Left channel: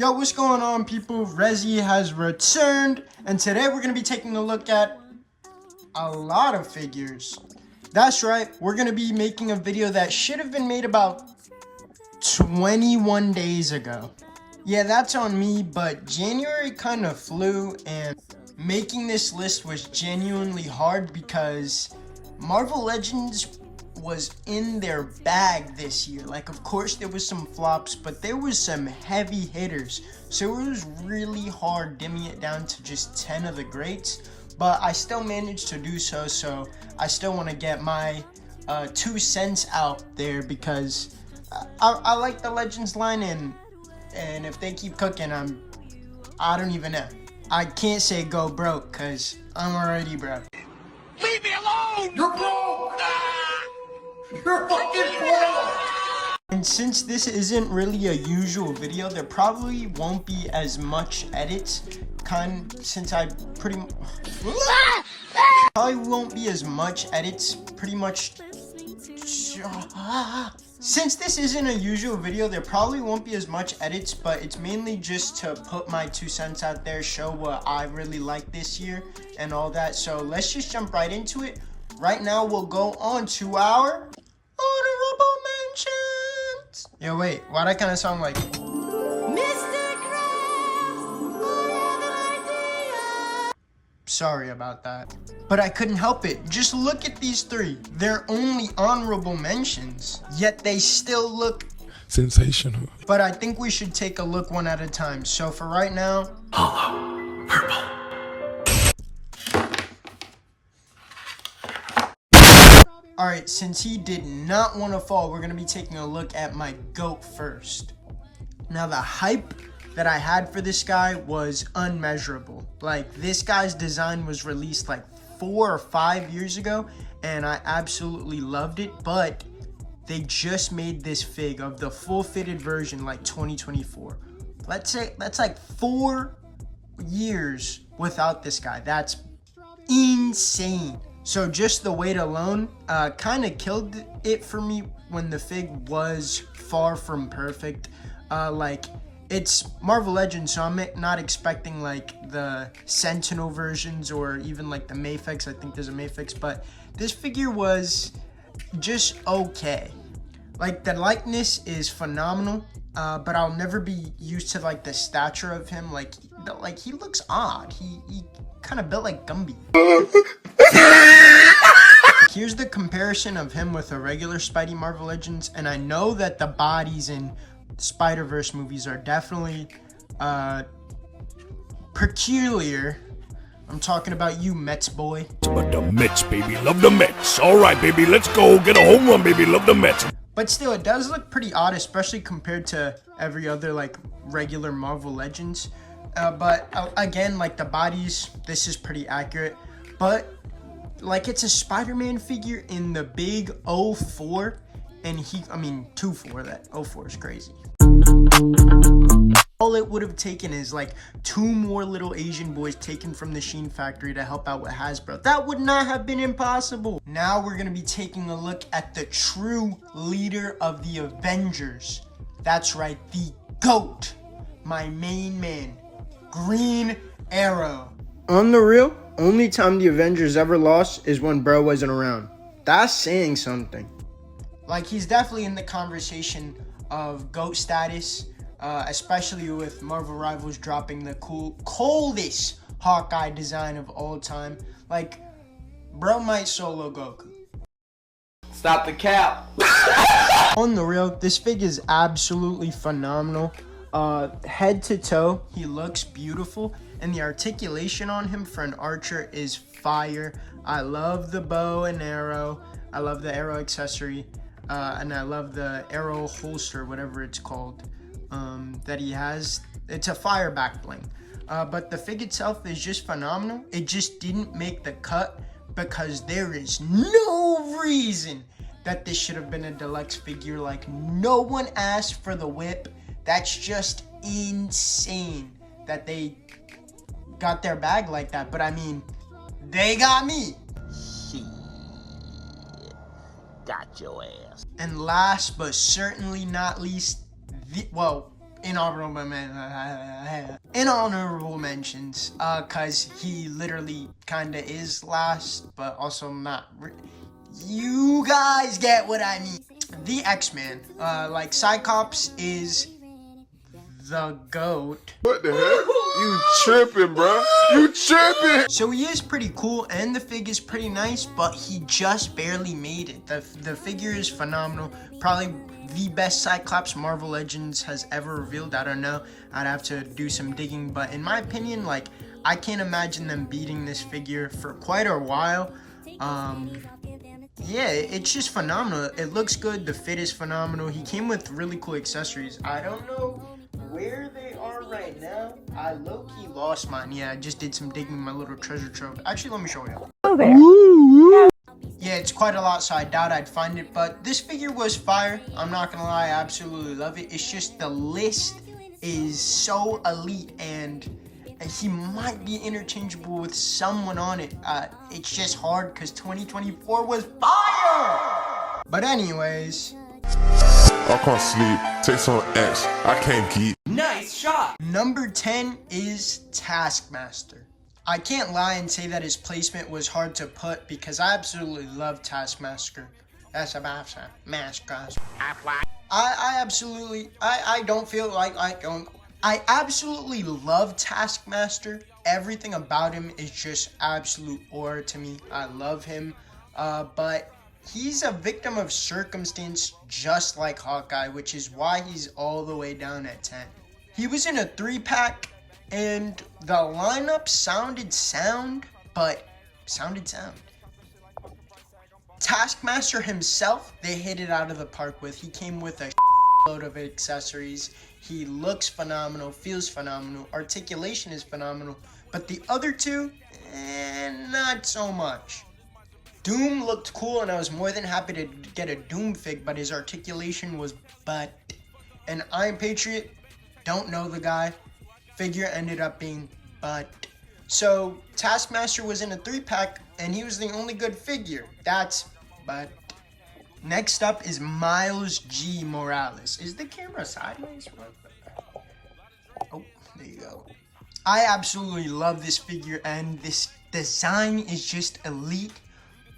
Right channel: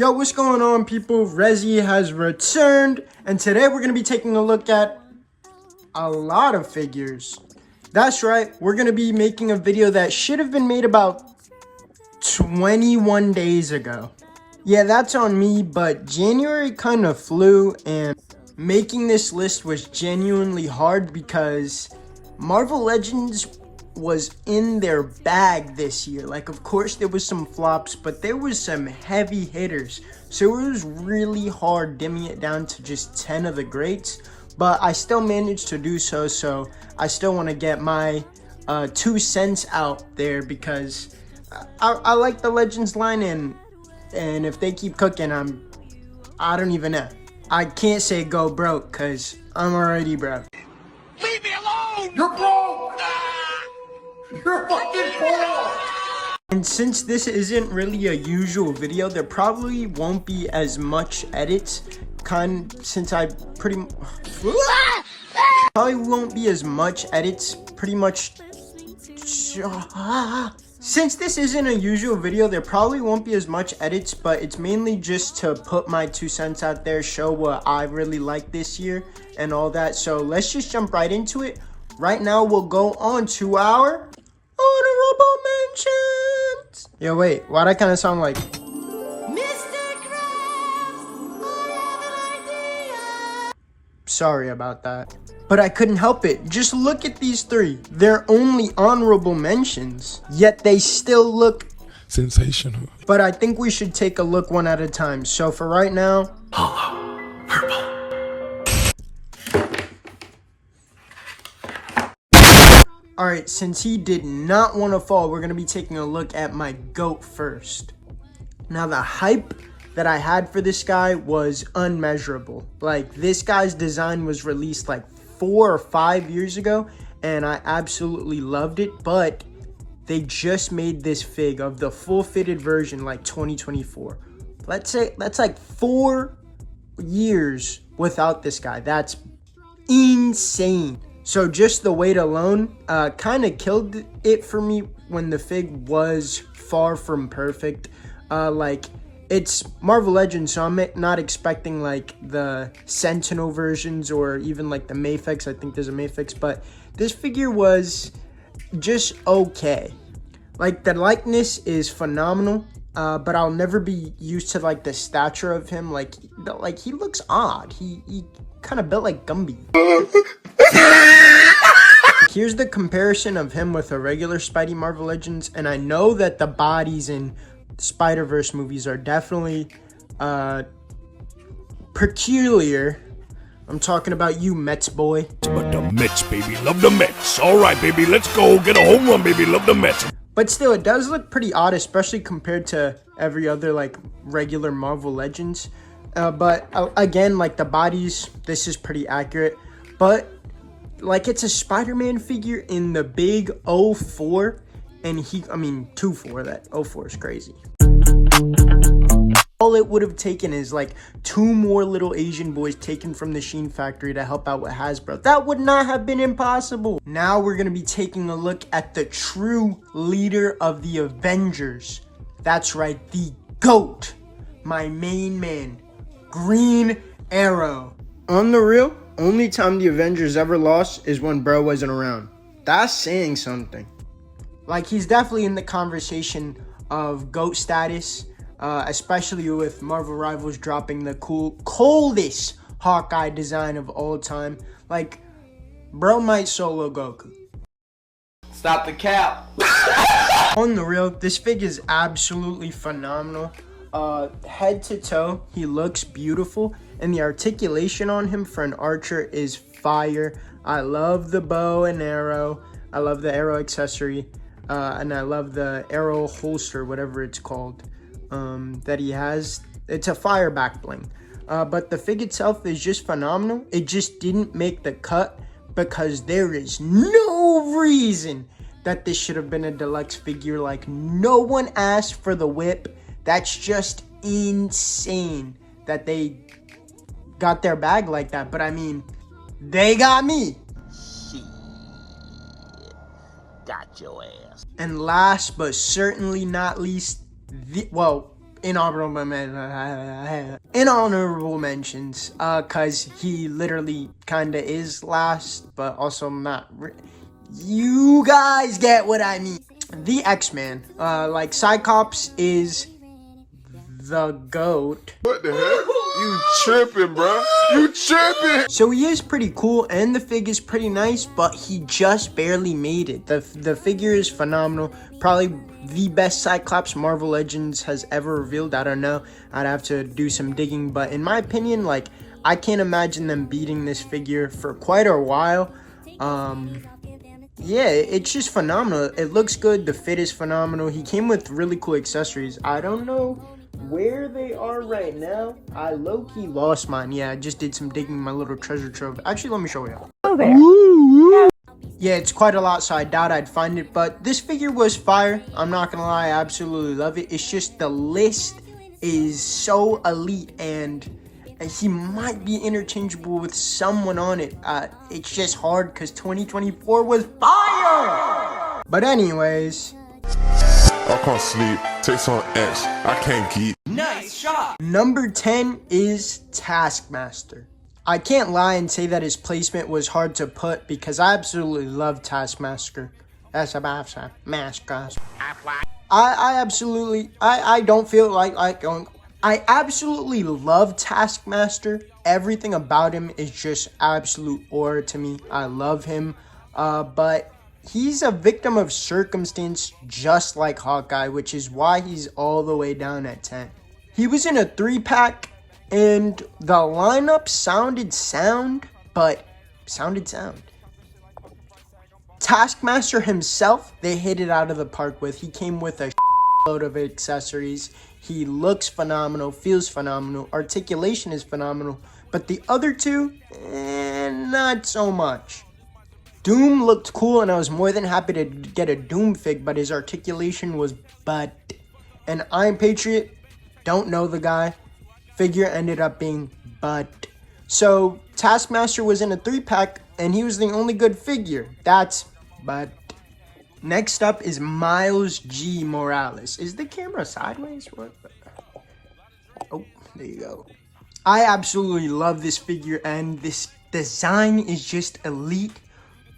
Yo, what's going on, people? Resi has returned, and today we're going to be taking a look at a lot of figures. That's right, we're going to be making a video that should have been made about 21 days ago. Yeah, that's on me, but January kind of flew, and making this list was genuinely hard because Marvel Legends was in their bag this year. Like, of course there was some flops, but there was some heavy hitters, so it was really hard dimming it down to just 10 of the greats, but I still managed to do so. So I still want to get my 2 cents out there because I like the Legends line, and if they keep cooking, I don't even know. I can't say go broke because I'm already broke. Leave me alone! You're broke! You're fucking broke! And since this isn't really a usual video, there probably won't be as much edits. Since I probably won't be as much edits, pretty much. Since this isn't a usual video, there probably won't be as much edits, but it's mainly just to put my 2 cents out there, show what I really like this year and all that. So let's just jump right into it. Right now, we'll go on to our honorable mentions. Yo, wait, why'd I kind of sound like Mr. Crab? I have an idea. Sorry about that. But I couldn't help it. Just look at these 3. They're only honorable mentions, yet they still look sensational. But I think we should take a look one at a time. So for right now, Hollow purple. Alright, since he did not want to fall, we're going to be taking a look at my GOAT first. Now, the hype that I had for this guy was unmeasurable. Like, this guy's design was released like 4 or 5 years ago, and I absolutely loved it, but they just made this fig of the full fitted version like 2024. Let's say that's like 4 years without this guy. That's insane. So just the weight alone kind of killed it for me when the fig was far from perfect. Like, it's Marvel Legends, so I'm not expecting like the Sentinel versions or even like the Mayfix. I think there's a Mayfix, but this figure was just okay. Like, the likeness is phenomenal, but I'll never be used to like the stature of him. Like he looks odd. He kind of built like Gumby. Here's the comparison of him with a regular Spidey Marvel Legends, and I know that the bodies in Spider-Verse movies are definitely peculiar. I'm talking about you, Mets boy. But the Mets, baby, love the Mets. All right, baby, let's go get a home run, baby, love the Mets. But still, it does look pretty odd, especially compared to every other like regular Marvel Legends. But again, like the bodies, this is pretty accurate. But like, it's a Spider-Man figure in the big 04, and 2-4, that 04 is crazy. All it would have taken is like 2 more little Asian boys taken from the Sheen factory to help out with Hasbro. That would not have been impossible. Now we're gonna be taking a look at the true leader of the Avengers. That's right, the GOAT, my main man, Green Arrow. On the real, only time the Avengers ever lost is when bro wasn't around. That's saying something. Like, he's definitely in the conversation of GOAT status, especially with Marvel Rivals dropping the coldest Hawkeye design of all time. Like, bro might solo Goku. Stop the cap. On the real, this fig is absolutely phenomenal. Head to toe, he looks beautiful, and the articulation on him for an archer is fire. I love the bow and arrow. I love the arrow accessory, and I love the arrow holster, whatever it's called, that he has. It's a fire back bling. But the fig itself is just phenomenal. It just didn't make the cut because there is no reason that this should have been a deluxe figure. Like, no one asked for the whip. That's just insane that they got their bag like that. But I mean, they got me. Shit. Got your ass. And last but certainly not least, inhonorable mentions, cause he literally kinda is last, but also not. You guys get what I mean. The X-Man, like Cyclops is the GOAT. What the heck? You tripping, bro? You tripping? So he is pretty cool, and the fig is pretty nice, but he just barely made it. The figure is phenomenal. Probably the best Cyclops Marvel Legends has ever revealed. I don't know. I'd have to do some digging, but in my opinion, like, I can't imagine them beating this figure for quite a while. Yeah, it's just phenomenal. It looks good. The fit is phenomenal. He came with really cool accessories. I don't know where they are right now. I low-key lost mine. Yeah, I just did some digging in my little treasure trove. Actually, let me show you. Oh, there. Yeah, it's quite a lot, so I doubt I'd find it, but this figure was fire. I'm not gonna lie, I absolutely love it. It's just the list is so elite, and he might be interchangeable with someone on it. It's just hard because 2024 was fire! But anyways, I can't sleep. Take some X. I can't keep. Nice shot. number 10 is Taskmaster. I can't lie and say that his placement was hard to put because I absolutely love Taskmaster. That's a master. I don't feel like going. I absolutely love Taskmaster. Everything about him is just absolute aura to me. I love him. But he's a victim of circumstance just like Hawkeye, which is why he's all the way down at 10. He was in a 3-pack and the lineup sounded sound. Taskmaster himself, they hit it out of the park with. He came with a load of accessories. He looks phenomenal, feels phenomenal, articulation is phenomenal, but the other two, not so much. Doom looked cool, and I was more than happy to get a Doom fig, but his articulation was butt. And Iron Patriot, don't know the guy, figure ended up being butt. So Taskmaster was in a 3-pack, and he was the only good figure. That's butt. Next up is Miles G. Morales. Is the camera sideways? What? Oh, there you go. I absolutely love this figure, and this design is just elite,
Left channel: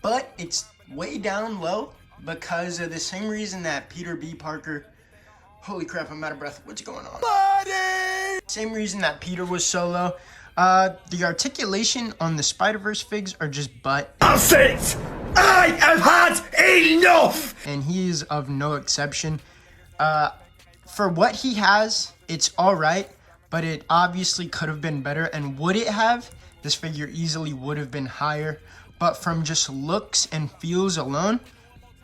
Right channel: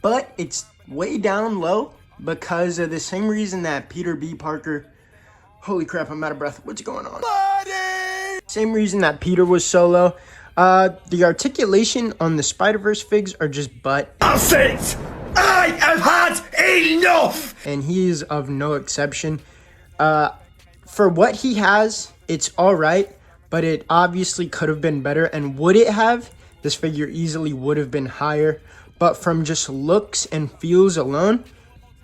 but it's way down low because of the same reason that Peter B. Parker... Holy crap, I'm out of breath. What's going on? Buddy! Same reason that Peter was so low. The articulation on the Spider-Verse figs are just butt. That's it! I have had enough! And he is of no exception. For what he has, it's alright, but it obviously could have been better. And would it have? This figure easily would have been higher. But from just looks and feels alone,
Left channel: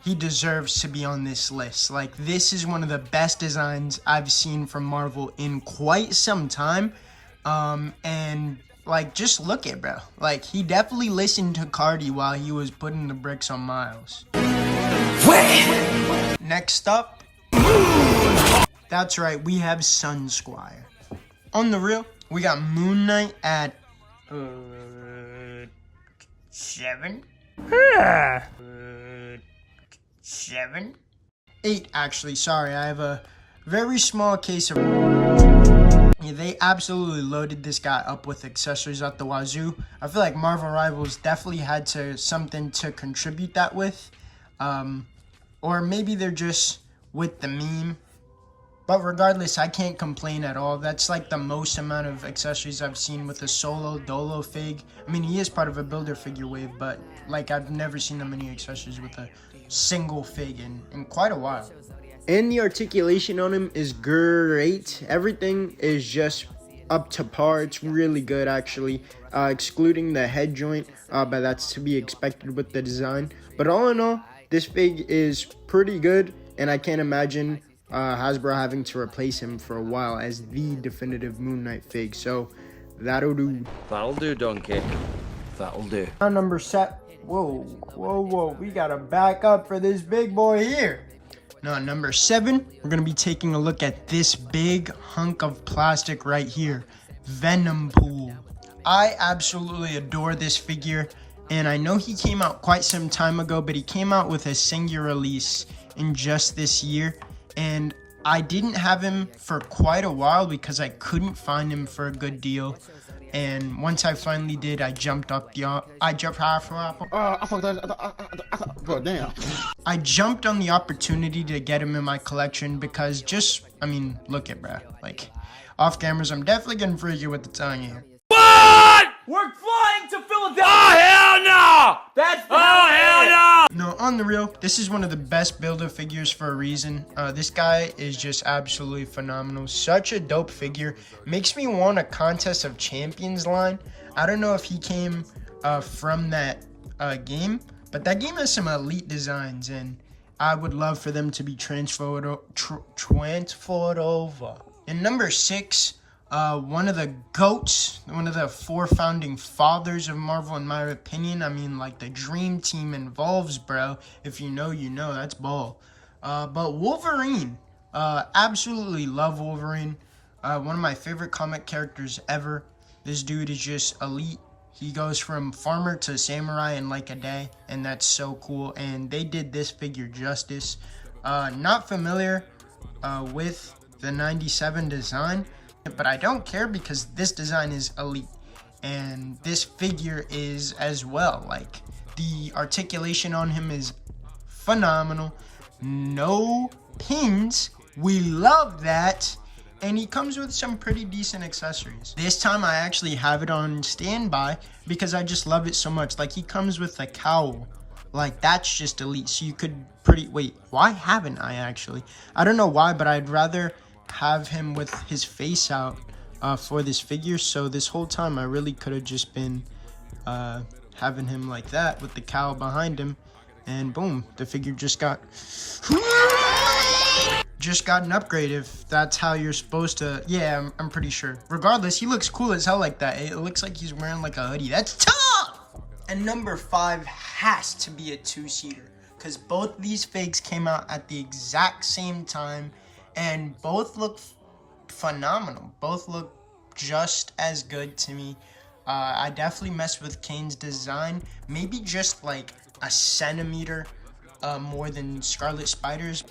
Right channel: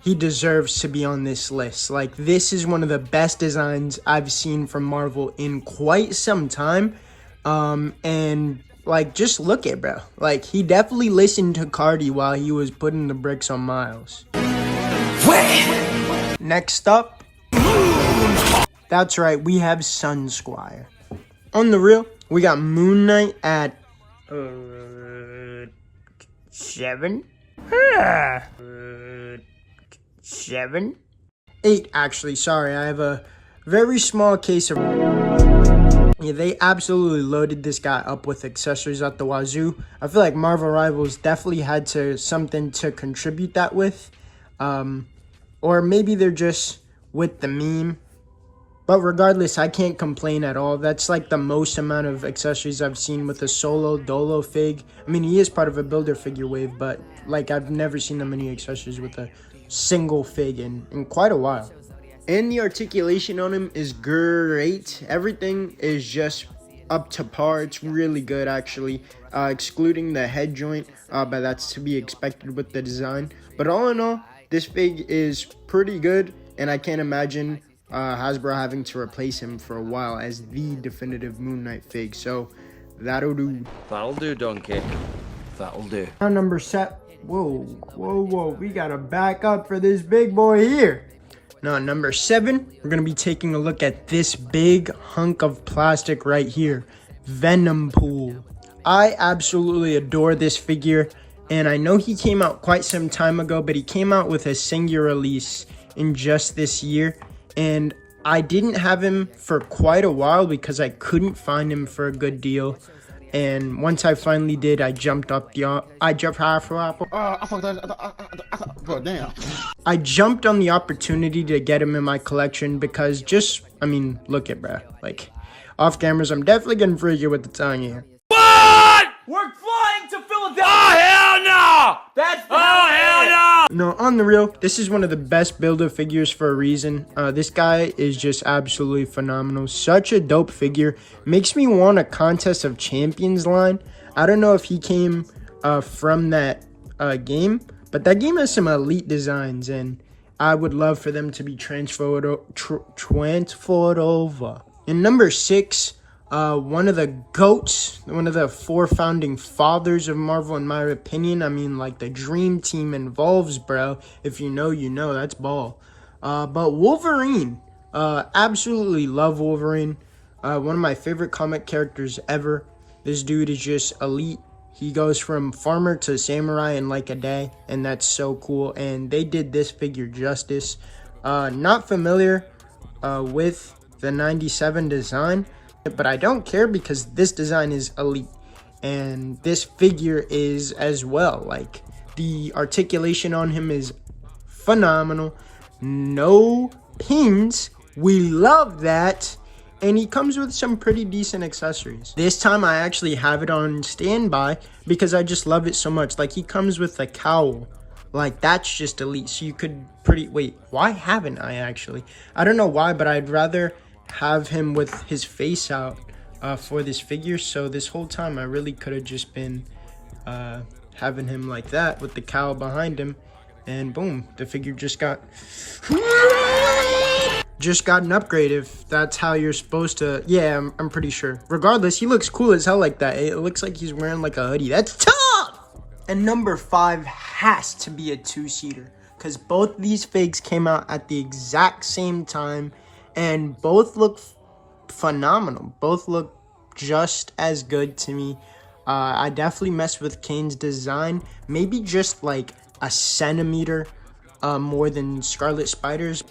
he deserves to be on this list. Like, this is one of the best designs I've seen from Marvel in quite some time. And like, just look at bro. Like, he definitely listened to Cardi while he was putting the bricks on Miles. Next up, that's right, we have Sun Squire. On the real, we got Moon Knight at 7. 7? 8, actually. Sorry, I have a very small case of... Yeah, they absolutely loaded this guy up with accessories at the wazoo. I feel like Marvel Rivals definitely had something to contribute that with. Or maybe they're just with the meme. But regardless, I can't complain at all. That's like the most amount of accessories I've seen with a solo Dolo fig. I mean, he is part of a builder figure wave, but like, I've never seen that many accessories with a single fig in quite a while. And the articulation on him is great. Everything is just up to par. It's really good, actually, excluding the head joint, but that's to be expected with the design. But all in all, this fig is pretty good, and I can't imagine Hasbro having to replace him for a while as the definitive Moon Knight fig. So that'll do. That'll do, donkey. That'll do. Now number 7. Whoa. We gotta back up for this big boy here. Now, number 7, we're going to be taking a look at this big hunk of plastic right here. Venom Pool. I absolutely adore this figure, and I know he came out quite some time ago, but he came out with a singular release in just this year, and I didn't have him for quite a while because I couldn't find him for a good deal. And once I finally did, I jumped on the opportunity to get him in my collection because just, I mean, look at bro. Like, off cameras, I'm definitely getting freaky with the tongue here. What? We're flying to Philadelphia! Oh, hell no! That's the hell no! No, on the real, this is one of the best build-up figures for a reason. This guy is just absolutely phenomenal. Such a dope figure. Makes me want a Contest of Champions line. I don't know if he came from that game, but that game has some elite designs, and I would love for them to be transferred over. In number 6, one of the GOATs, one of the 4 founding fathers of Marvel, in my opinion. I mean, like, the dream team involves, bro. If you know, you know. That's ball. But Wolverine. Absolutely love Wolverine. One of my favorite comic characters ever. This dude is just elite. He goes from farmer to samurai in like a day, and that's so cool. And they did this figure justice. Not familiar with the 97 design, but I don't care because this design is elite, and this figure is as well. Like, the articulation on him is phenomenal. No pins, we love that, and he comes with some pretty decent accessories. This time I actually have it on standby because I just love it so much. Like, he comes with a cowl. Like, that's just elite. So you could wait, why haven't I actually? I don't know why, but I'd rather have him with his face out for this figure. So this whole time I really could have just been having him like that with the cowl behind him, and boom, the figure just got an upgrade, if that's how you're supposed to. Yeah, I'm pretty sure. Regardless, he looks cool as hell like that. It looks like he's wearing like a hoodie. That's tough. And number 5 has to be a 2-seater because both these figs came out at the exact same time, and both look phenomenal. Both look just as good to me. I definitely messed with Kane's design, maybe just like a centimeter more than Scarlet Spider's.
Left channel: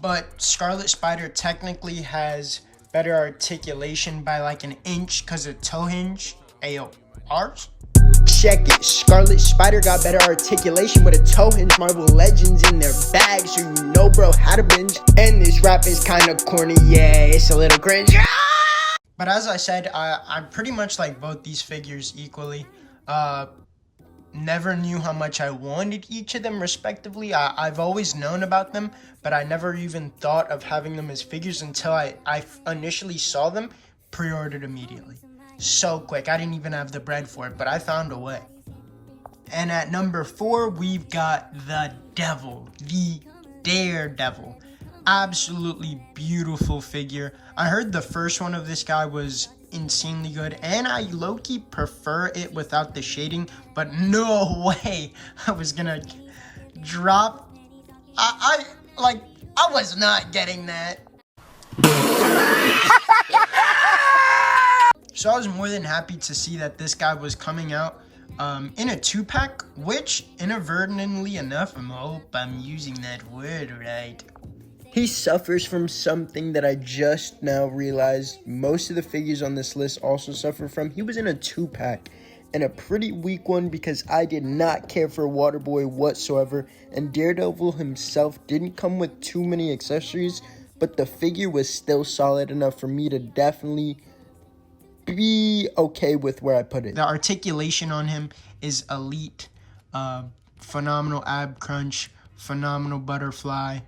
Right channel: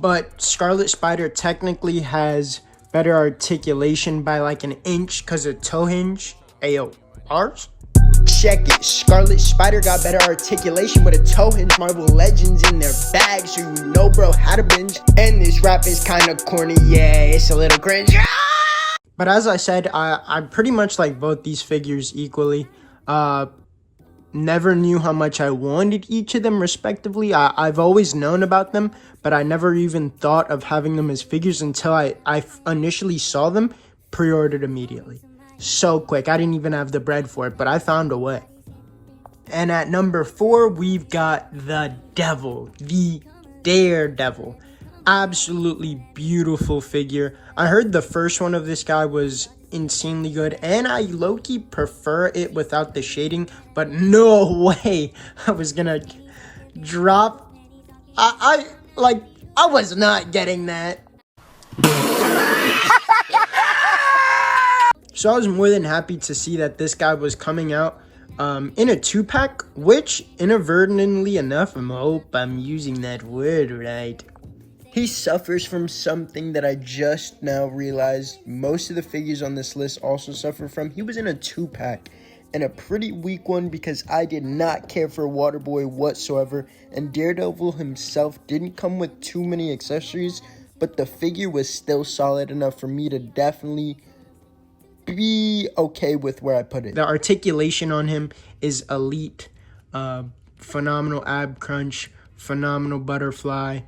But Scarlet Spider technically has better articulation by like an inch because of toe hinge. Ayo, ours? Check it, Scarlet Spider got better articulation with a toe hinge. Marvel Legends in their bag, so you know bro had a binge. And this rap is kinda corny, yeah, it's a little cringe. But as I said, I pretty much like both these figures equally. Never knew how much I wanted each of them respectively. I've always known about them, but I never even thought of having them as figures until I initially saw them, pre-ordered immediately. So quick, I didn't even have the bread for it, but I found a way. And at number 4, we've got the Devil, the Daredevil. Absolutely beautiful figure. I heard the first one of this guy was insanely good, and I low-key prefer it without the shading, but no way I was gonna drop. I was not getting that. So I was more than happy to see that this guy was coming out in a 2-pack, which inadvertently enough, I hope I'm using that word right, he suffers from something that I just now realized most of the figures on this list also suffer from. He was in a 2-pack, and a pretty weak one because I did not care for Waterboy whatsoever, and Daredevil himself didn't come with too many accessories, but the figure was still solid enough for me to definitely be okay with where I put it. The articulation on him is elite. Phenomenal ab crunch, phenomenal butterfly.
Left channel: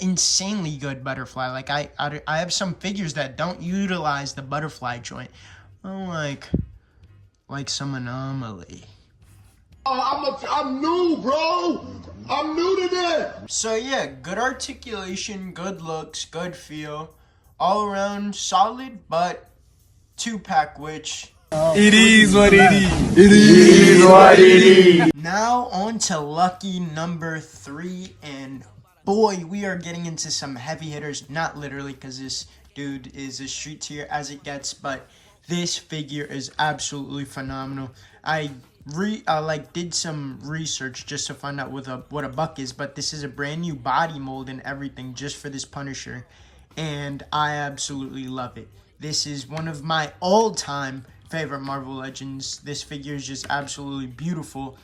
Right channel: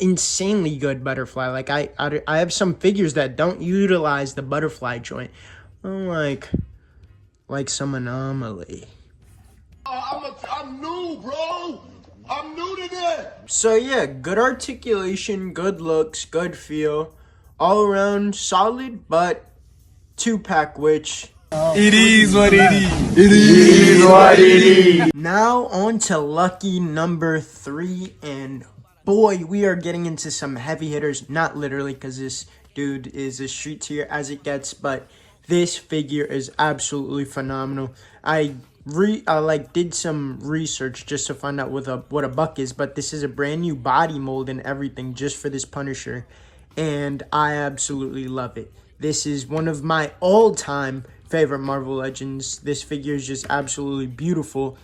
Insanely good butterfly. Like I have some figures that don't utilize the butterfly joint. Like some anomaly. I'm new, bro. I'm new to that. So yeah, good articulation, good looks, good feel, all around solid, but 2-pack, which It is what it is. it is what it is. Now on to lucky number 3, and boy, we are getting into some heavy hitters. Not literally, because this dude is a street tier as it gets, but this figure is absolutely phenomenal. I did some research just to find out what a buck is, but this is a brand new body mold and everything just for this Punisher, and I absolutely love it. This is one of my all-time favorite Marvel Legends. This figure is just absolutely beautiful.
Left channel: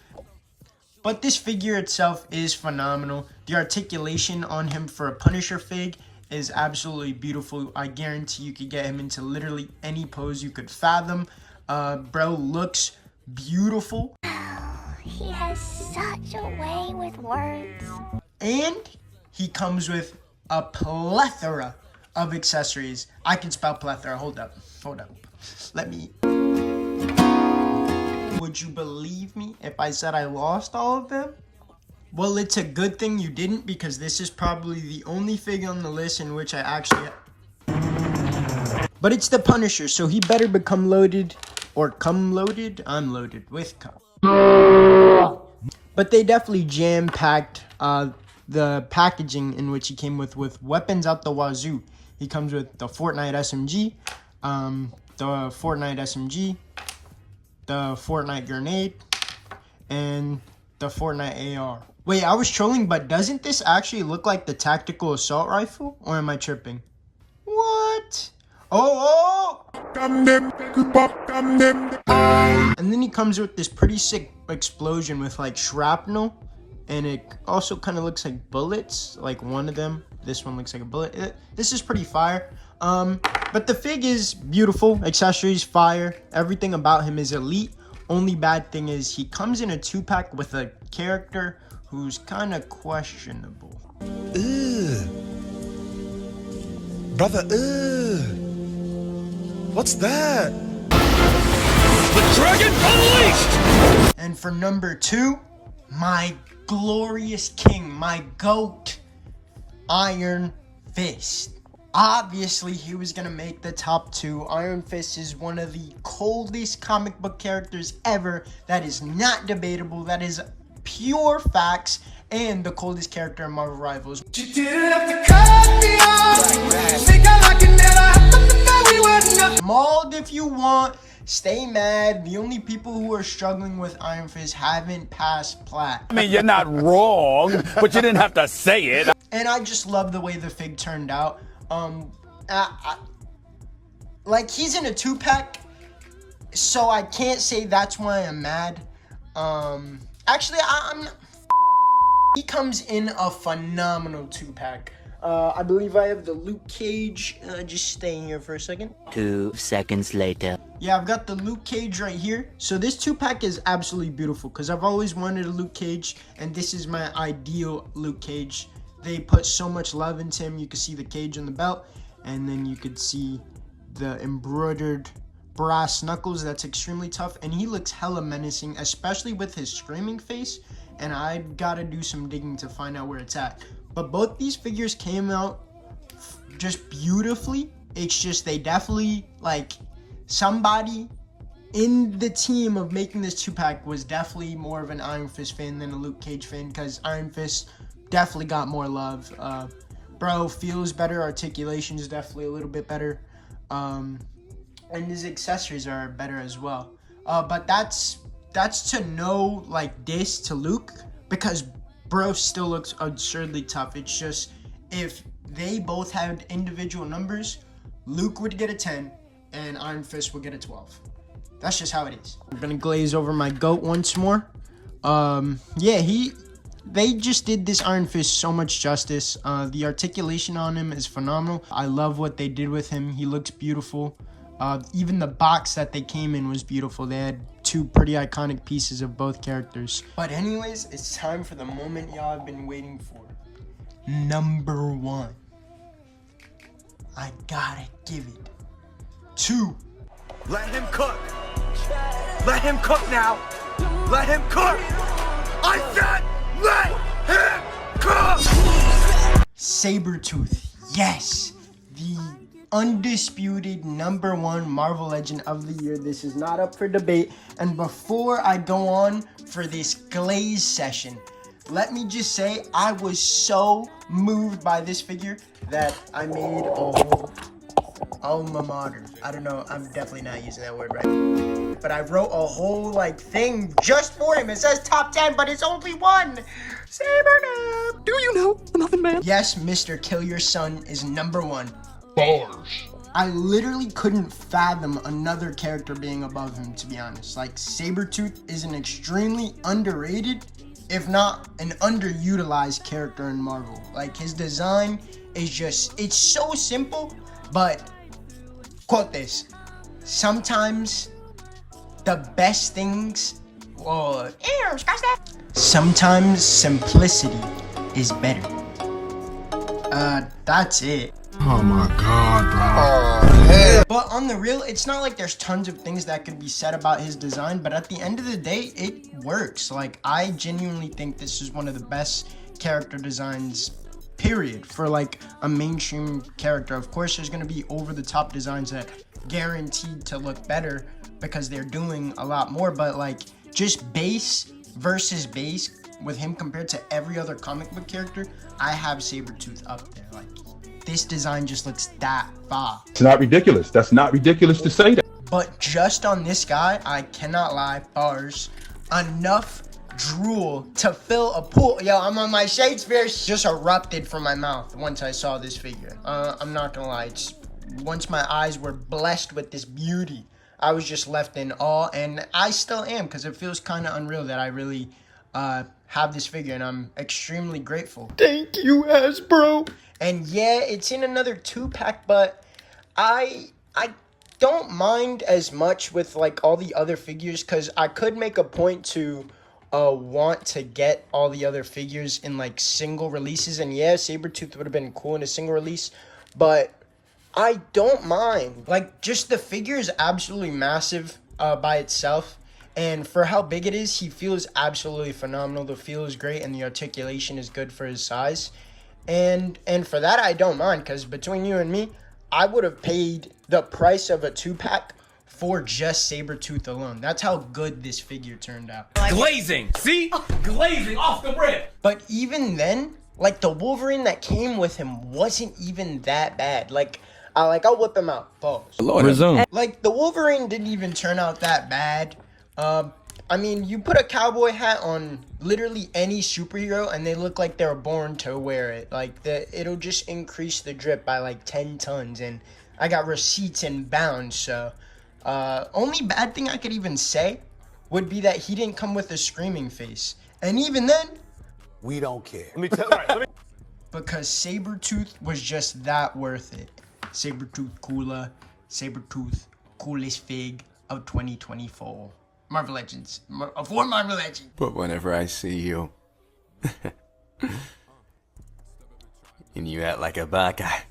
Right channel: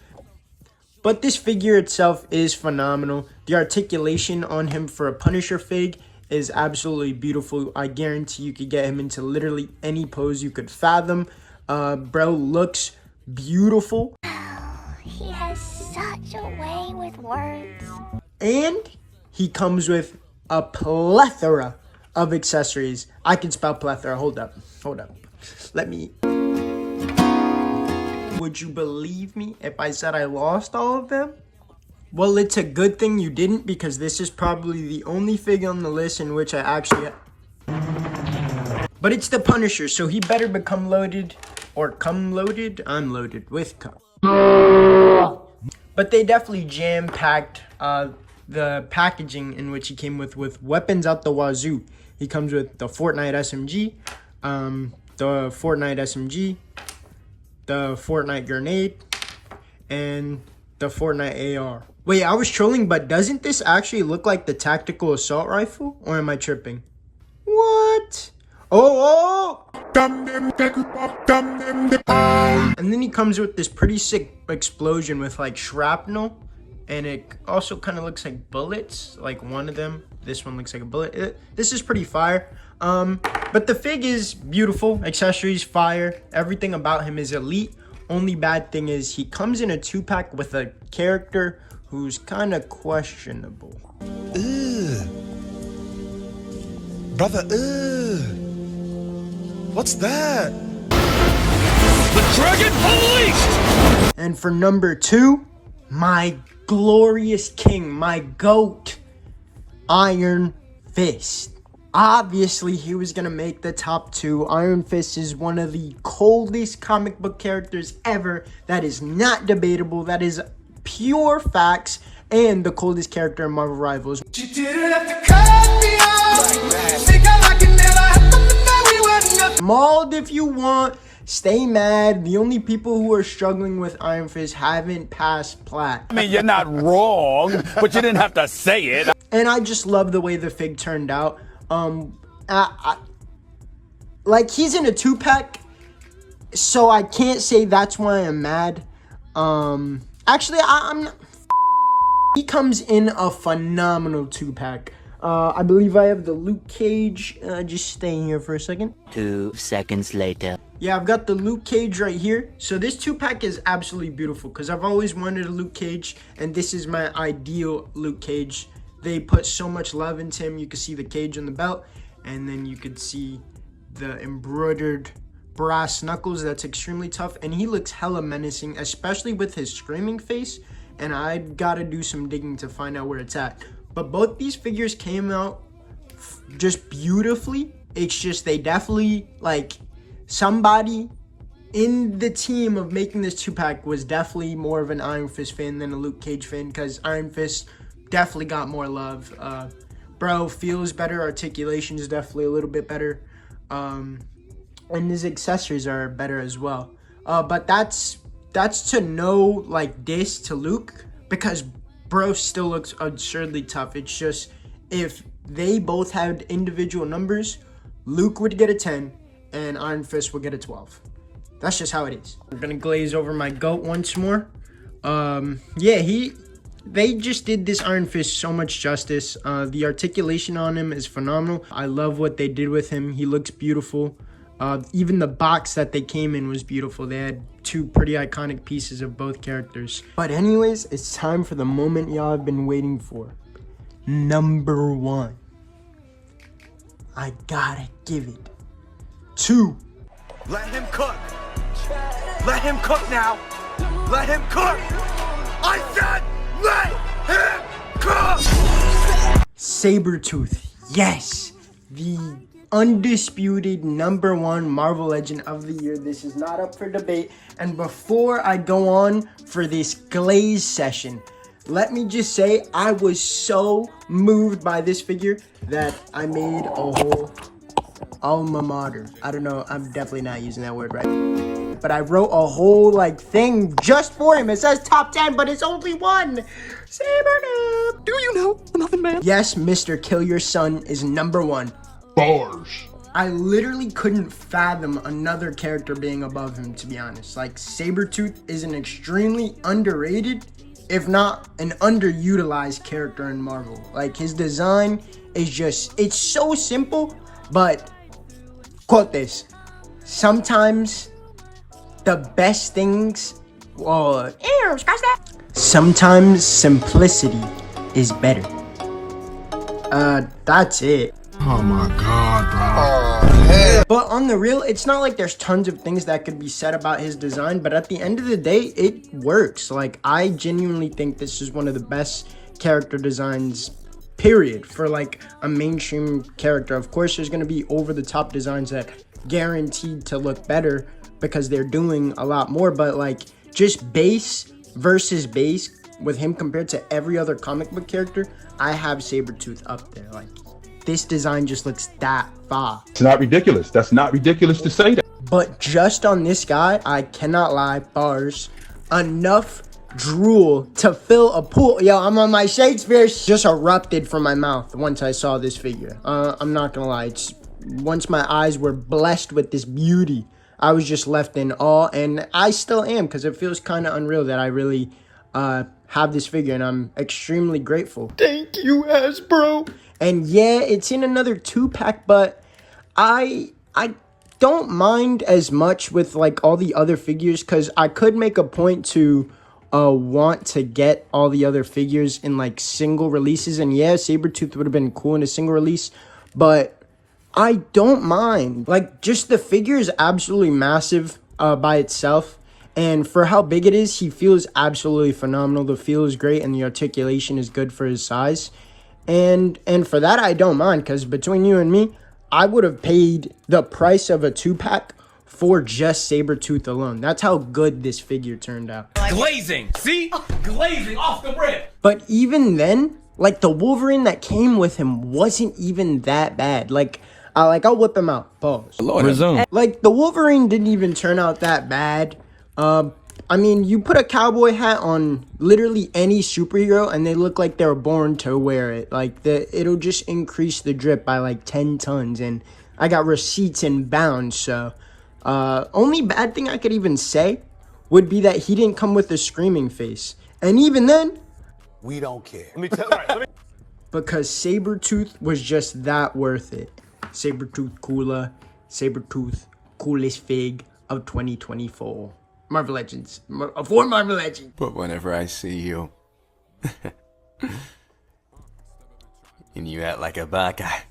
But this figure itself is phenomenal. The articulation on him for a Punisher fig is absolutely beautiful. I guarantee you could get him into literally any pose you could fathom. Bro looks beautiful. He has such a way with words. And he comes with a plethora of accessories. I can spell plethora. Hold up. Let me... Would you believe me if I said I lost all of them? Well, it's a good thing you didn't, because this is probably the only figure on the list in which I actually... But it's the Punisher, so he better become loaded, or come loaded. I'm loaded with cum. But they definitely jam-packed the packaging in which he came with weapons out the wazoo. He comes with the Fortnite SMG, the Fortnite grenade, and the Fortnite AR. Wait, I was trolling, but doesn't this actually look like the tactical assault rifle? Or am I tripping? What? Oh! And then he comes with this pretty sick explosion with like shrapnel. And it also kind of looks like bullets. Like one of them. This one looks like a bullet. This is pretty fire. But the fig is beautiful. Accessories, fire. Everything about him is elite. Only bad thing is he comes in a 2-pack with a character who's kind of questionable. Brother, what's that? The Dragon Unleashed! And for number 2, my glorious king, my GOAT, Iron Fist. Obviously, he was gonna make the top 2. Iron Fist is one of the coldest comic book characters ever. That is not debatable. That is pure facts. And the coldest character in Marvel Rivals. You didn't have to cut me off. Think I like it never happened to me. We were nothing. Mauled if you want. Stay mad. The only people who are struggling with Iron Fist haven't passed plat. I mean, you're not wrong, but you didn't have to say it. And I just love the way the fig turned out. Like, he's in a 2-pack, so I can't say that's why I'm mad. Actually, I'm not. He comes in a phenomenal 2-pack. I believe I have the Luke Cage. Just staying here for a second. 2 seconds later. Yeah, I've got the Luke Cage right here. So this 2-pack is absolutely beautiful because I've always wanted a Luke Cage, and this is my ideal Luke Cage. They put so much love into him. You can see the cage on the belt, and then you could see the embroidered brass knuckles. That's extremely tough, and he looks hella menacing, especially with his screaming face. And I gotta do some digging to find out where it's at. But both these figures came out just beautifully. It's just they definitely, like, somebody in the team of making this 2-pack was definitely more of an Iron Fist fan than a Luke Cage fan, because Iron Fist definitely got more love. Bro feels better. Articulation is definitely a little bit better. And his accessories are better as well. But that's to no, like, diss to Luke, because bro still looks absurdly tough. It's just, if they both had individual numbers, Luke would get a 10 and Iron Fist would get a 12. That's just how it is. I'm gonna glaze over my GOAT once more. Yeah, they just did this Iron Fist so much justice. The articulation on him is phenomenal. I love what they did with him. He looks beautiful. Even the box that they came in was beautiful. They had 2 pretty iconic pieces of both characters. But anyways, it's time for the moment y'all have been waiting for. Number 1. I gotta give it to... Let him cook. Let him cook now. Let him cook. I said let him cook. Sabretooth. Yes. The undisputed number 1 Marvel Legend of the year. This is not up for debate. And before I go on for this glaze session, let me just say I was so moved by this figure that I made a whole alma mater. I don't know, I'm definitely not using that word right. But I wrote a whole like thing just for him. It says top 10, but it's only 1. Sabretooth. Do you know the Muffin Man? Yes, Mr. Kill Your Son is number 1. Bars. I literally couldn't fathom another character being above him, to be honest. Like, Sabretooth is an extremely underrated, if not an underutilized character in Marvel. Like, his design is just, it's so simple, but quote this, sometimes the best things, sometimes simplicity is better. That's it. Oh my God, bro. But on the real, it's not like there's tons of things that could be said about his design, but at the end of the day, it works. Like, I genuinely think this is one of the best character designs, period, for like a mainstream character. Of course, there's gonna be over-the-top designs that guaranteed to look better because they're doing a lot more, but like just base versus base with him compared to every other comic book character, I have Sabretooth up there. Like, this design just looks that fire. It's not ridiculous. That's not ridiculous to say that. But just on this guy, I cannot lie, bars, enough drool to fill a pool. Yo, I'm on my Shakespeare. Just erupted from my mouth once I saw this figure. I'm not gonna lie. Once my eyes were blessed with this beauty, I was just left in awe, and I still am, because it feels kind of unreal that I really have this figure, and I'm extremely grateful. Thank you, Hasbro. And yeah, it's in another 2-pack, but I don't mind as much with like all the other figures, because I could make a point to want to get all the other figures in like single releases, and yeah, Sabretooth would have been cool in a single release, but I don't mind. Like, just the figure is absolutely massive by itself, and for how big it is, he feels absolutely phenomenal. The feel is great, and the articulation is good for his size. And for that, I don't mind, because between you and me, I would have paid the price of a 2-pack for just Sabretooth alone. That's how good this figure turned out. Glazing! See? Glazing off the rip! But even then, like, the Wolverine that came with him wasn't even that bad. Like, I'll whip him out. Pause. Resume. Like, the Wolverine didn't even turn out that bad. I mean, you put a cowboy hat on literally any superhero and they look like they were born to wear it. Like, it'll just increase the drip by like 10 tons. And I got receipts inbound, so only bad thing I could even say would be that he didn't come with a screaming face. And even then, We don't care. because Sabretooth was just that worth it. Sabretooth cooler, Sabretooth coolest fig of 2024. Marvel Legends. For Marvel Legends. But whenever I see you, and you act like a bad guy.